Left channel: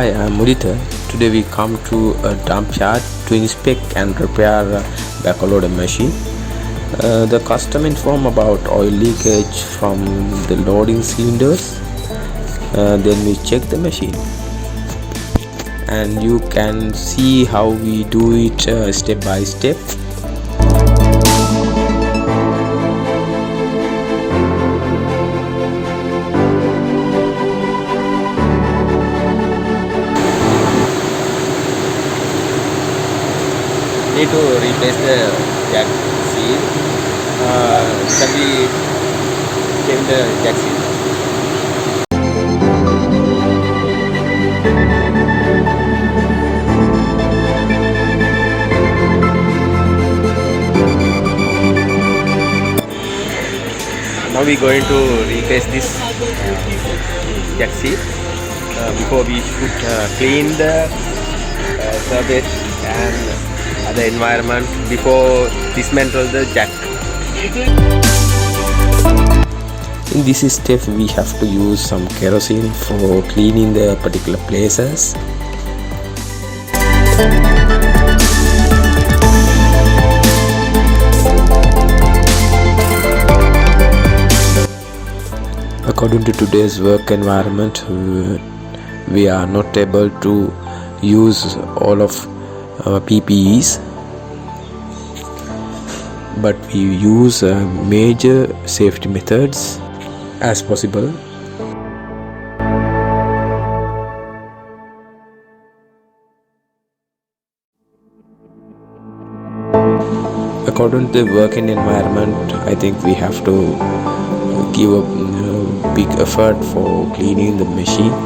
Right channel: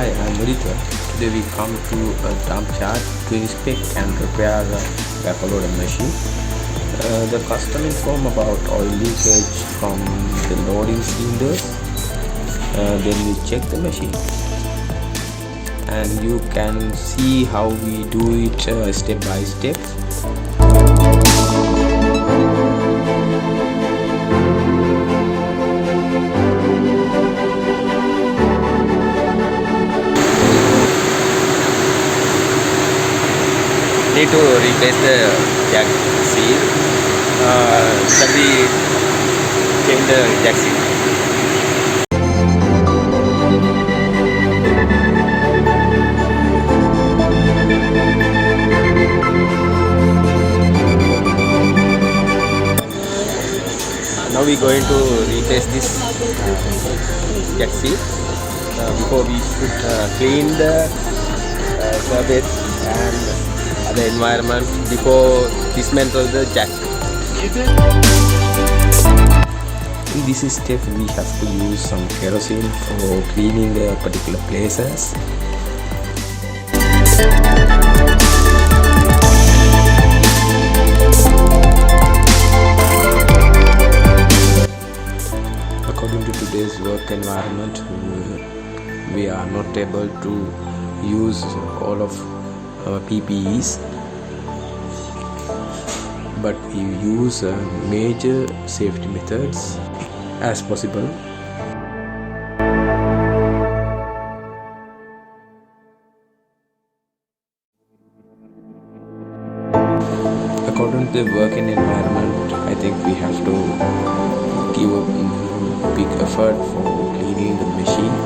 Hi, I'm Mudita. Today we come to a dump yard to inspect and repair a backhoe loader machine. The customer informed about oil leakage from the loading cylinders. Then we check the machine, and you can see how we do it step by step. Need to replace the jack seal. Shall we change the jack seal? Now we are going to replace this jack seal. Before we should clean the surface and the environment before dismantle the jack. In this step we have to use some kerosene for cleaning the particular places. According to today's work environment, we are not able to use all of PPEs, but we use major safety methods as possible. According to the working environment, I think we have to give a big effort for cleaning the machine.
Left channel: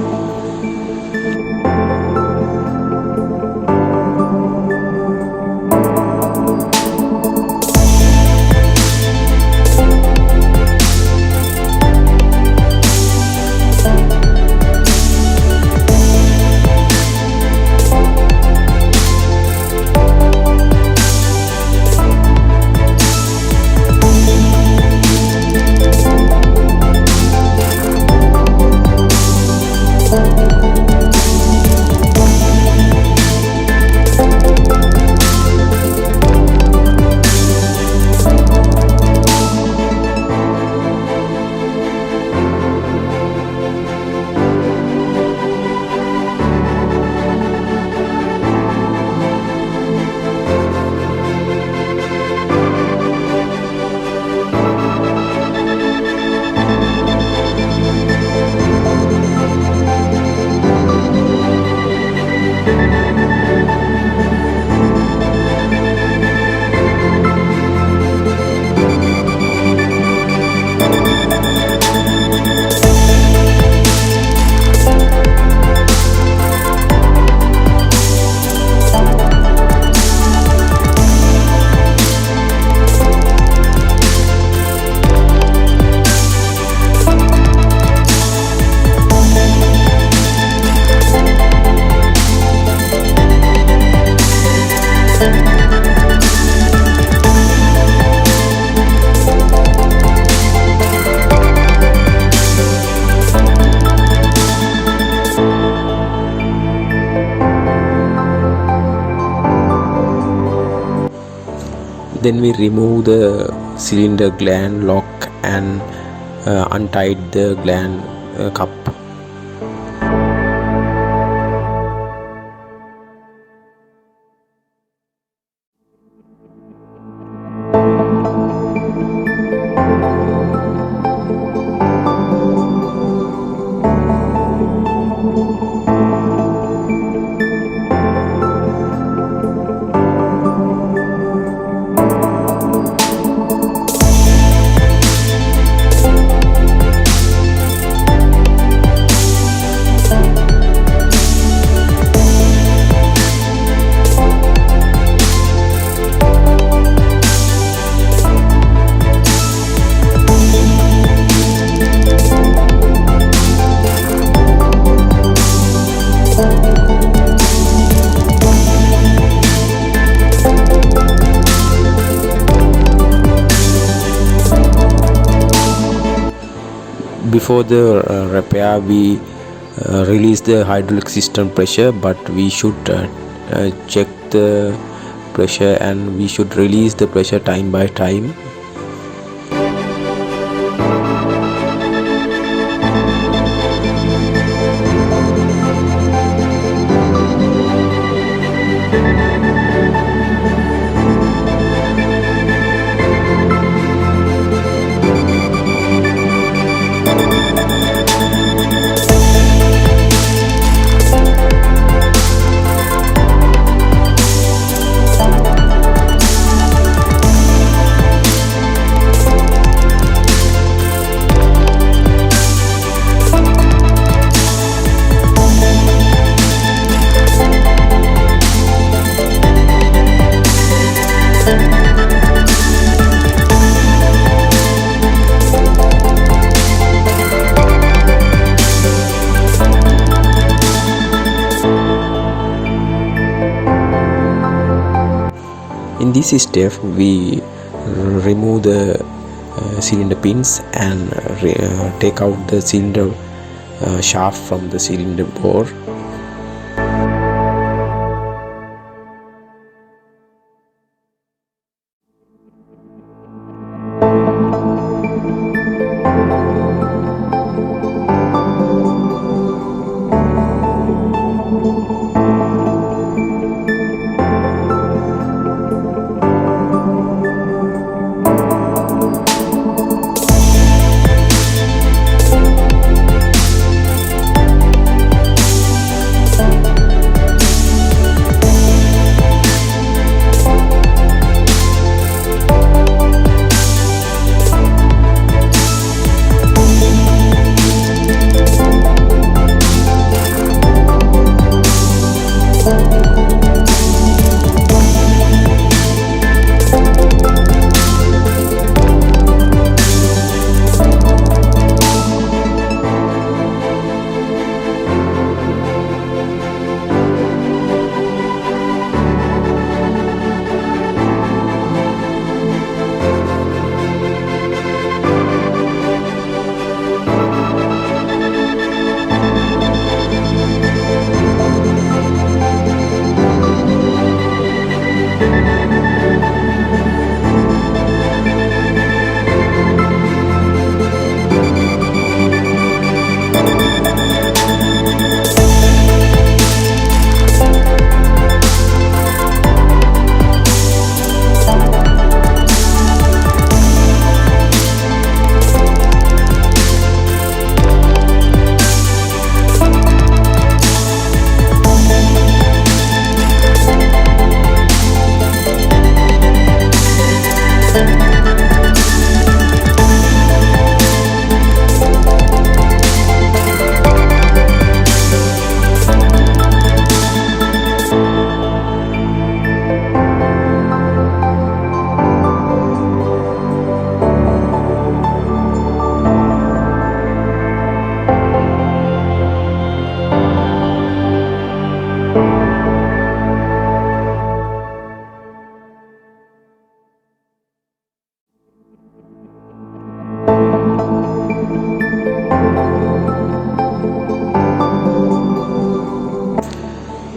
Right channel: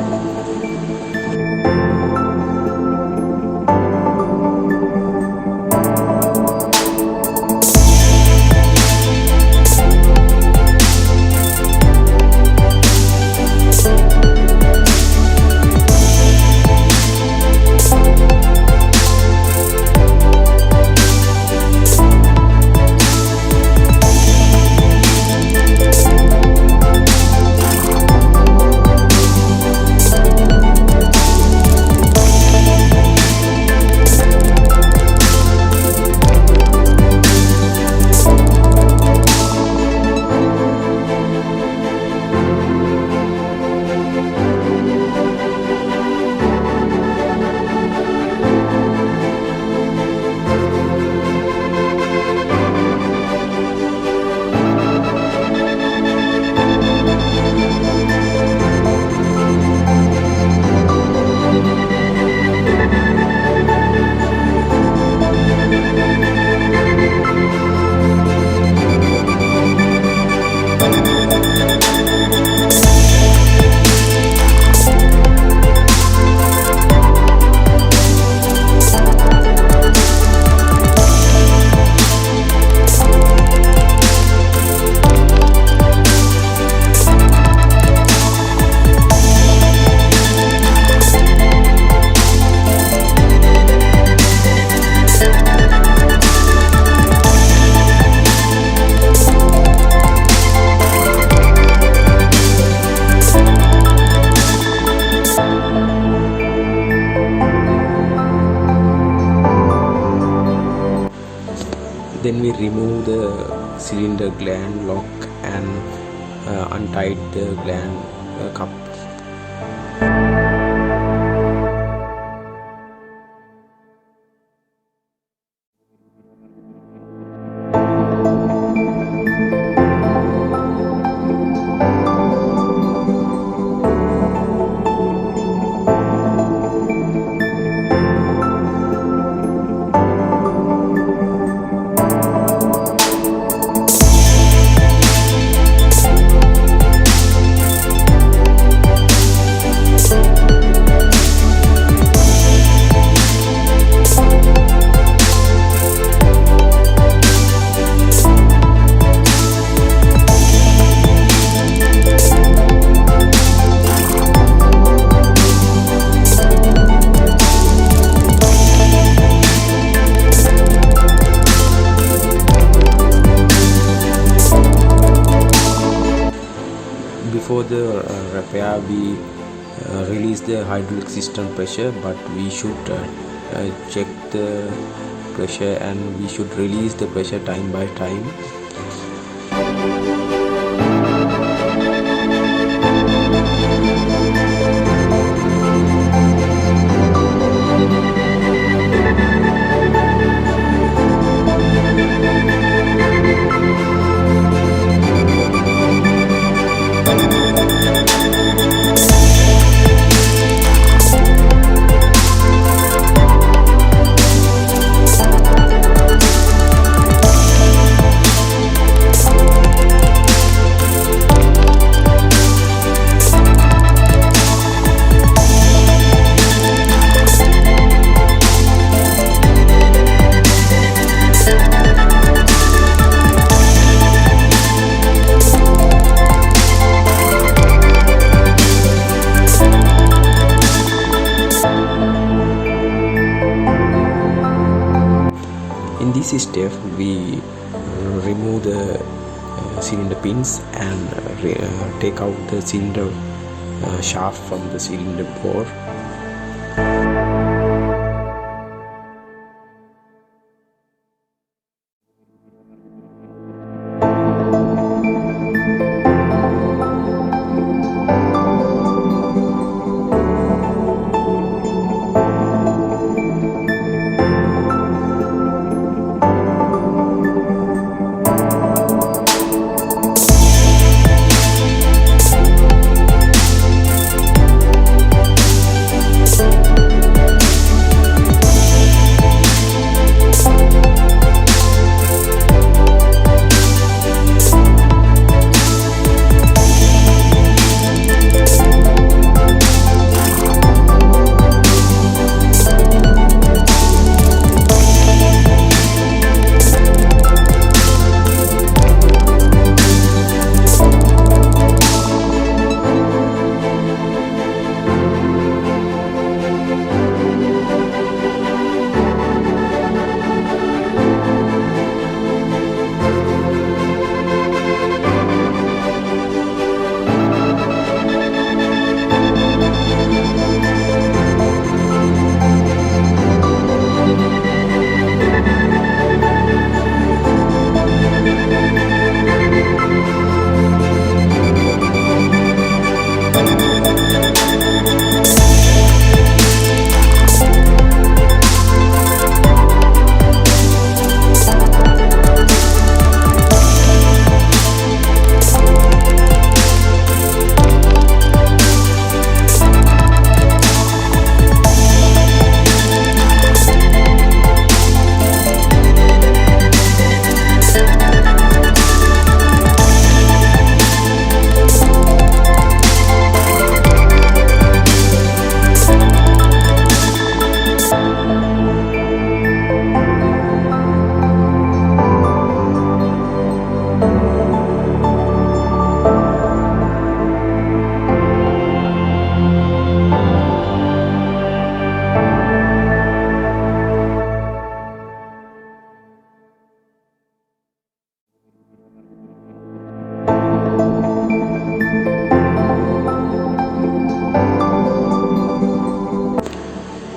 Then we remove the cylinder gland lock and untied the gland cup. Before the repair, we release the hydraulic system pressure, but we should check the pressure and we should release the pressure time by time. In this step, we remove the cylinder pins and take out the cylinder shaft from the cylinder bore.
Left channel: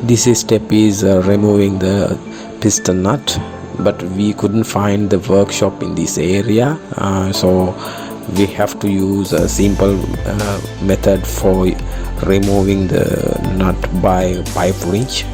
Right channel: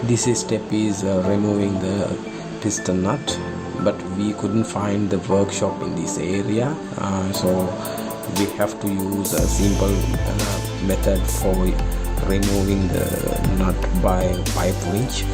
This step is removing the piston nut, but we couldn't find the workshop in this area, so we have to use a simple method for removing the nut by pipe wrench.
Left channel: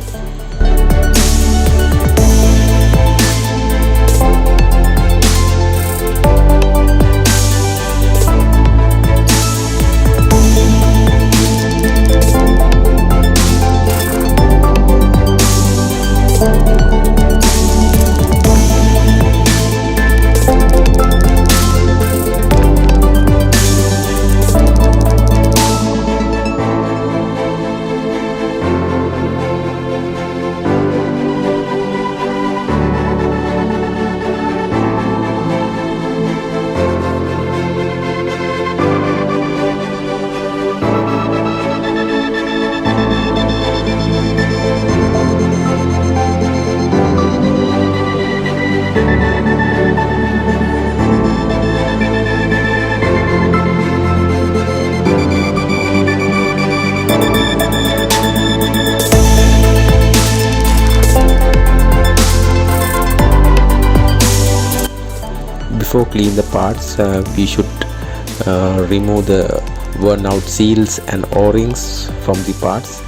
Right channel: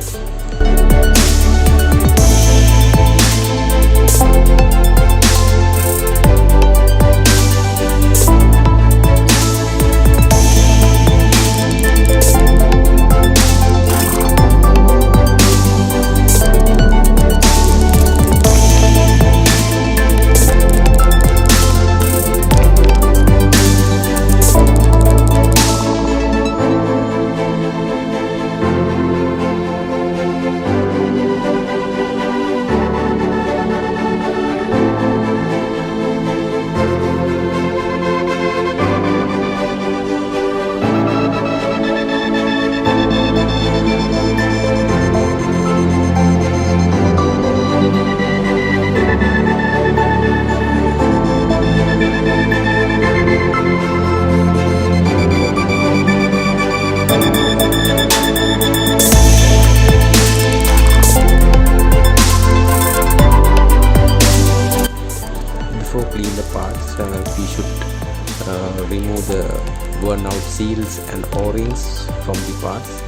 before clean the parts, we should remove the worn out seals and o-rings from the parts.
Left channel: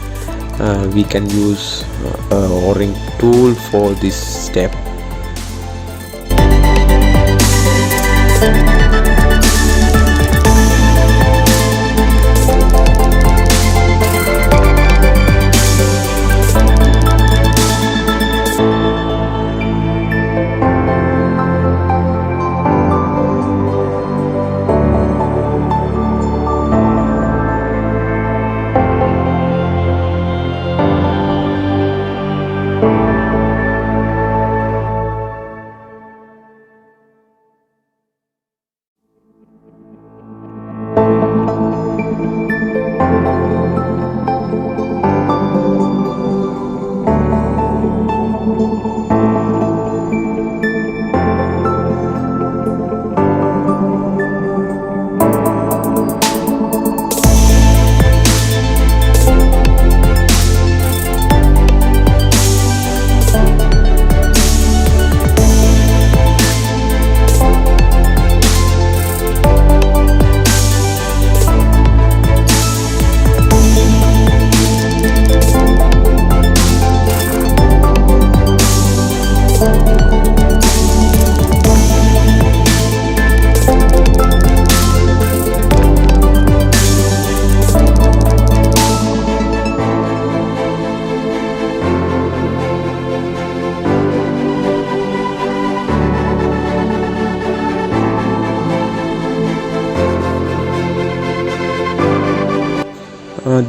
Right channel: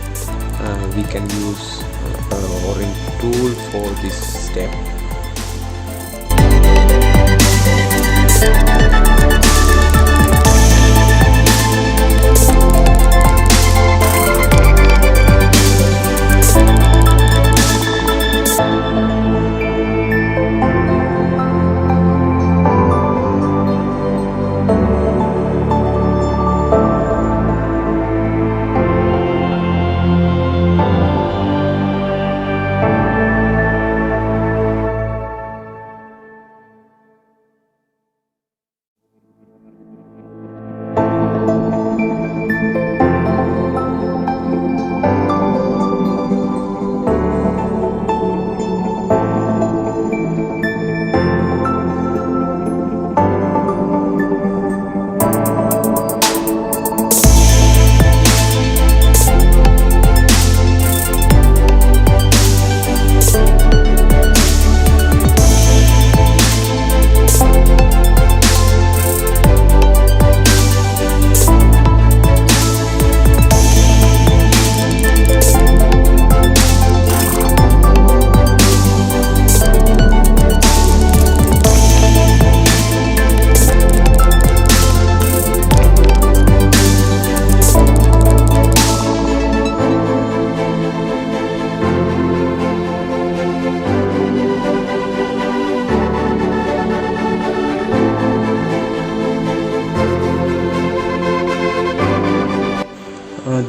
We can use o-ring tool for this step.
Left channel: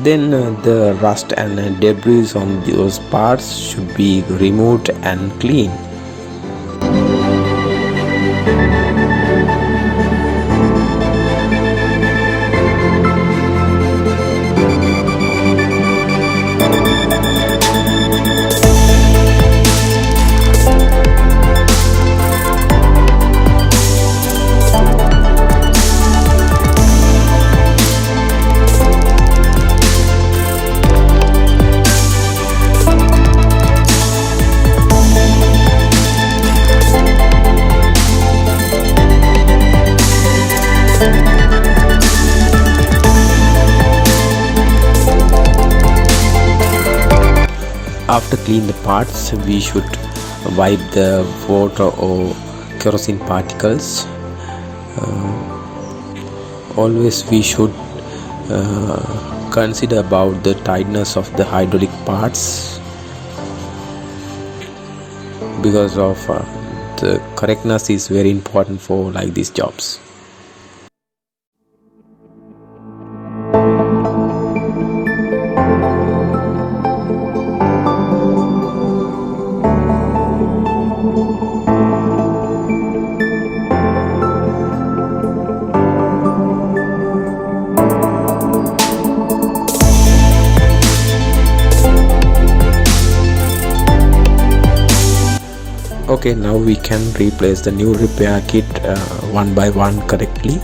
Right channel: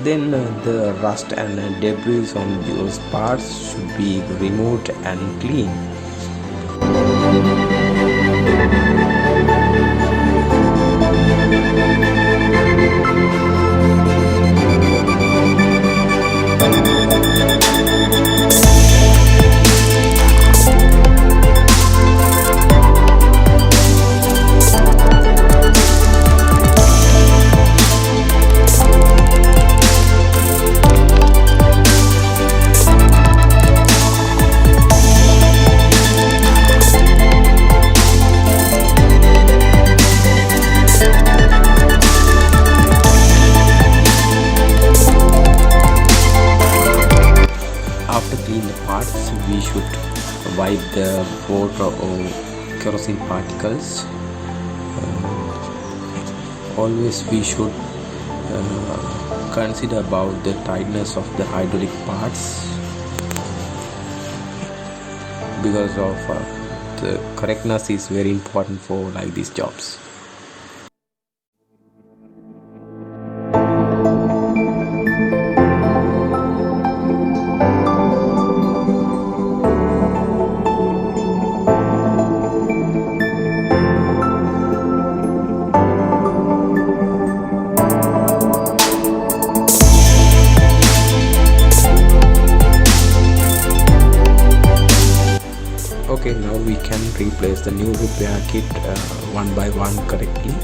Then the rust and debris on those parts should be removed and cleaned. After clean the parts, we should wipe the water or kerosene particles. Always we should consider about the tightness of the hydraulic parts, because of the correctness is very important for like these jobs. Okay, now we can replace the new repair kit one by one correctly.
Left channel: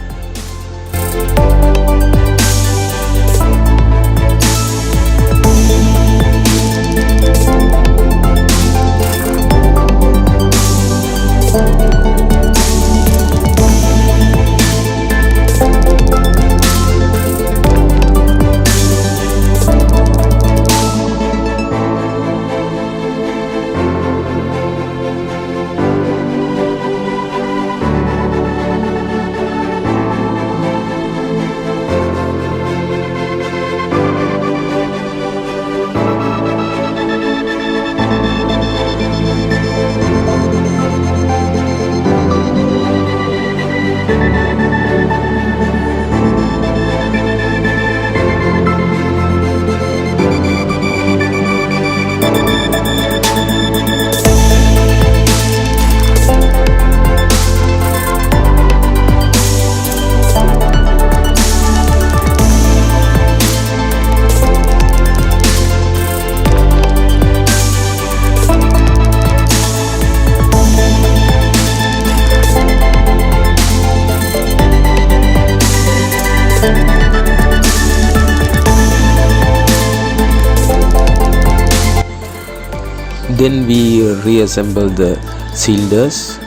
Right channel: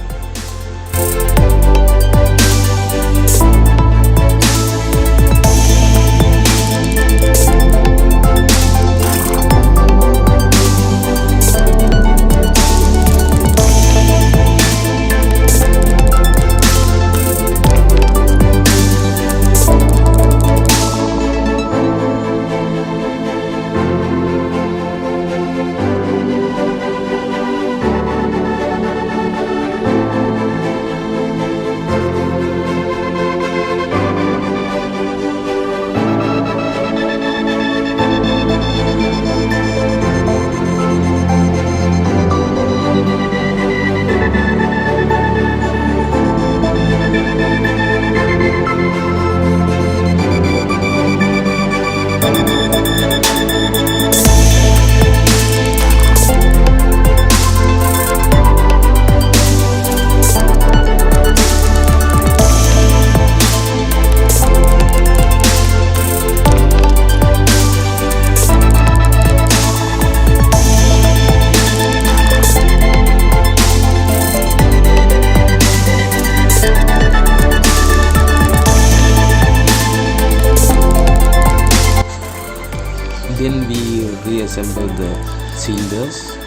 Then we reassemble the cylinders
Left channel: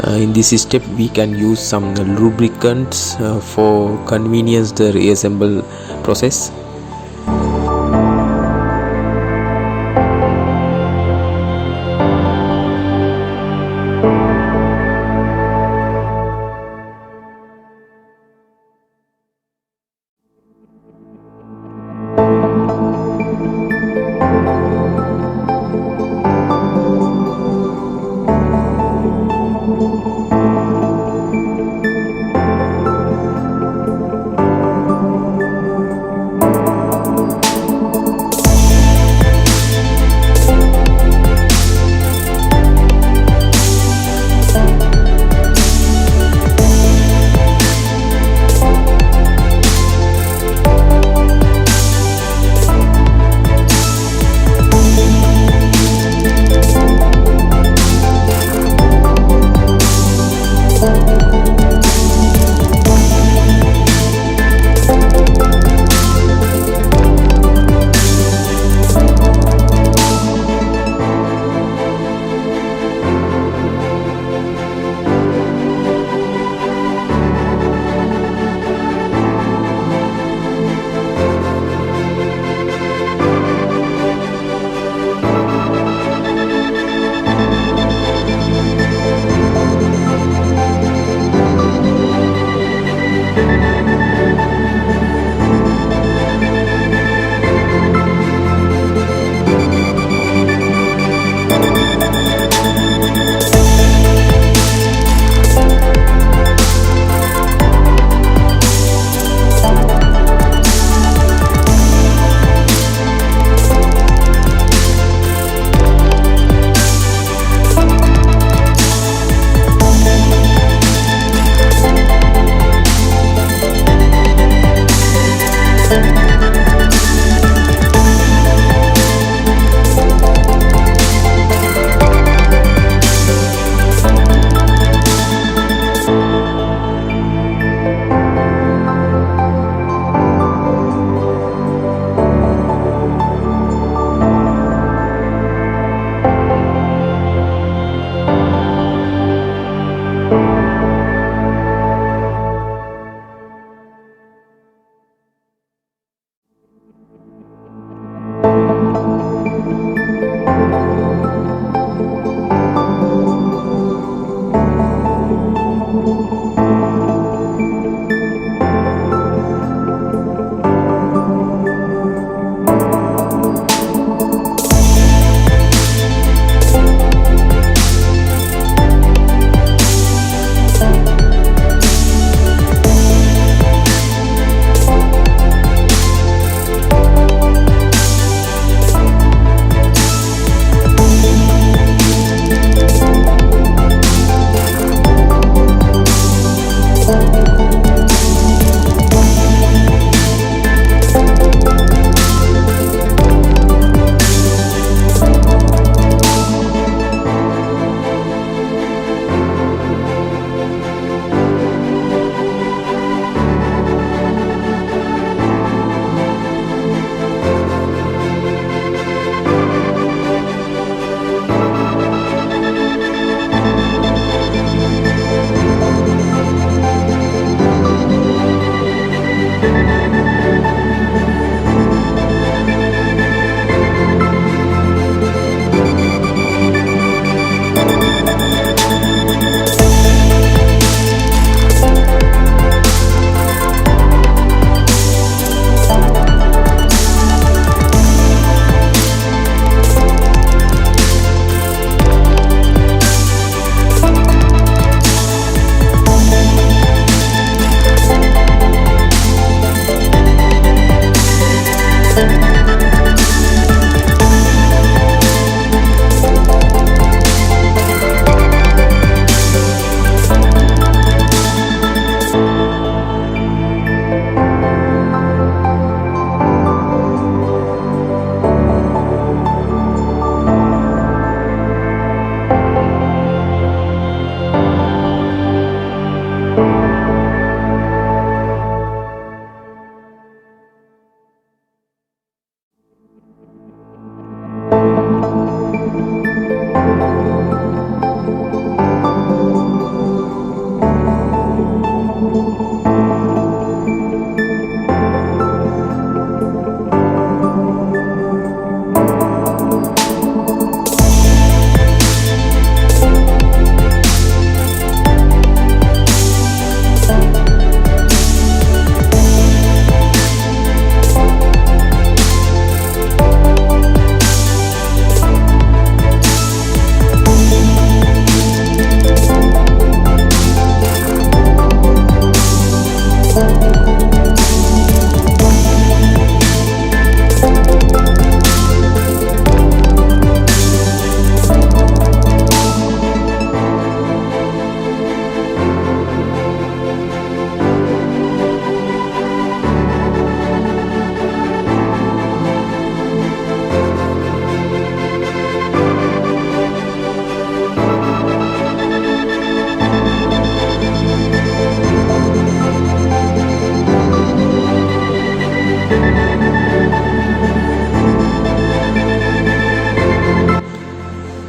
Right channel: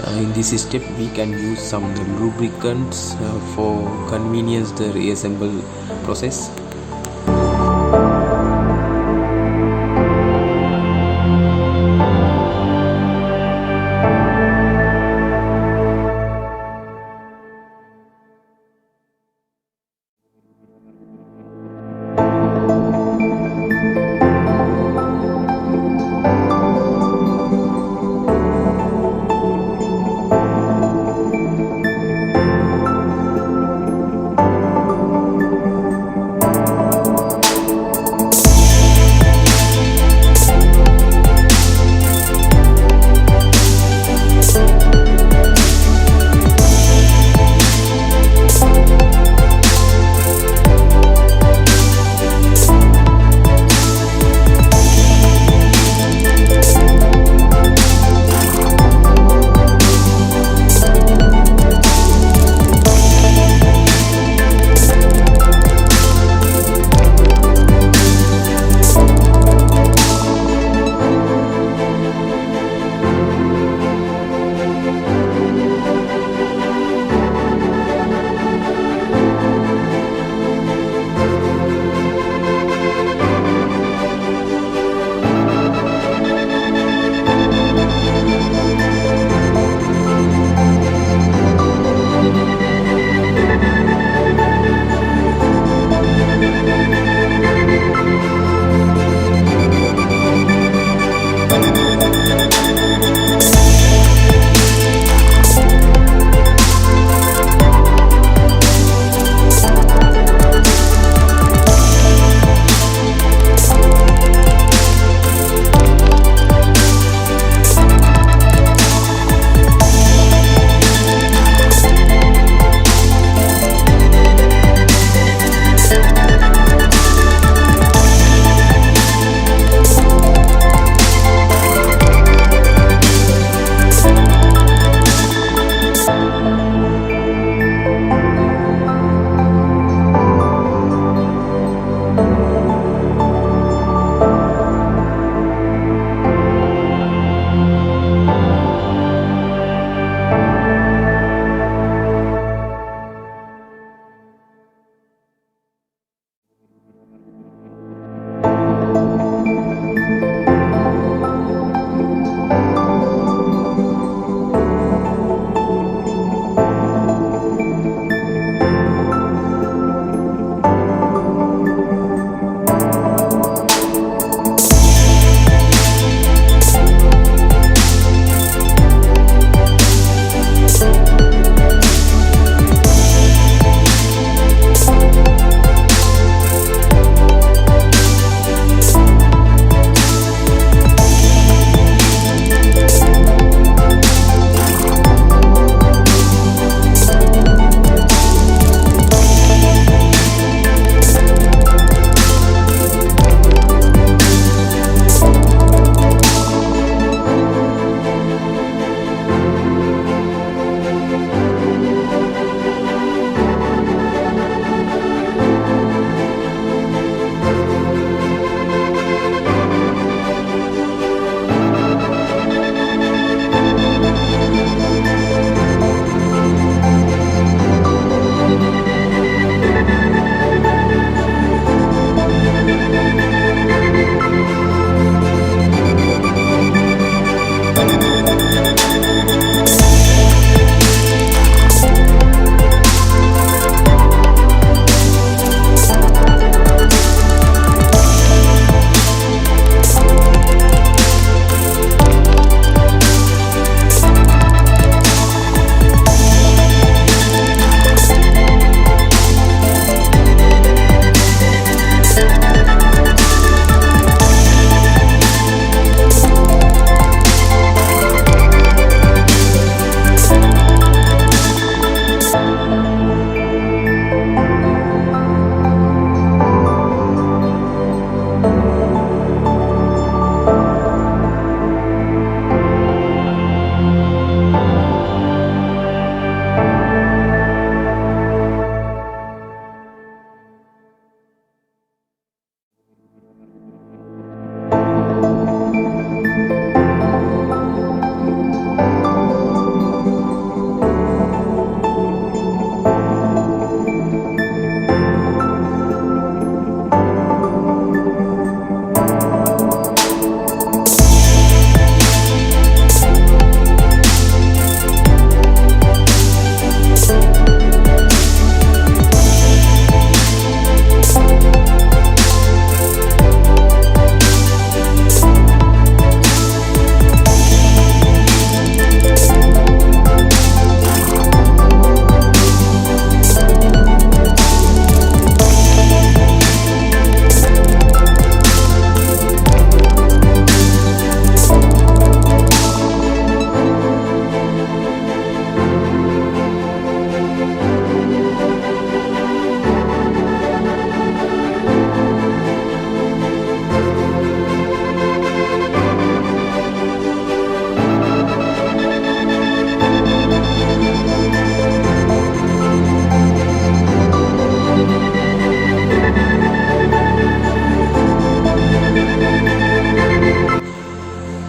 In this step we can use some lubricants for convenience the reassemble process.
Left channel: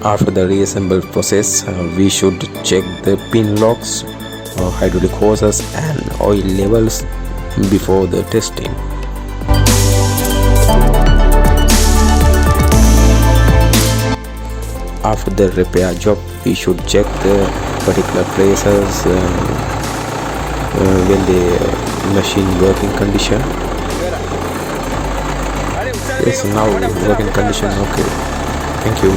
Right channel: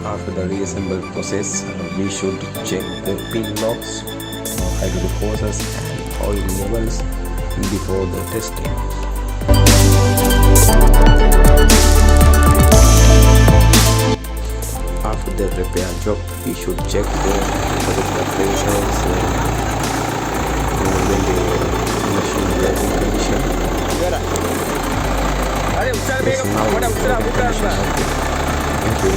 After the reassemble process, we should check the pin locks, hydraulic hoses and oil levels before the testing. After the repair job, we should check the particular places when the machine working condition. Yes, now working condition okay. Thank you.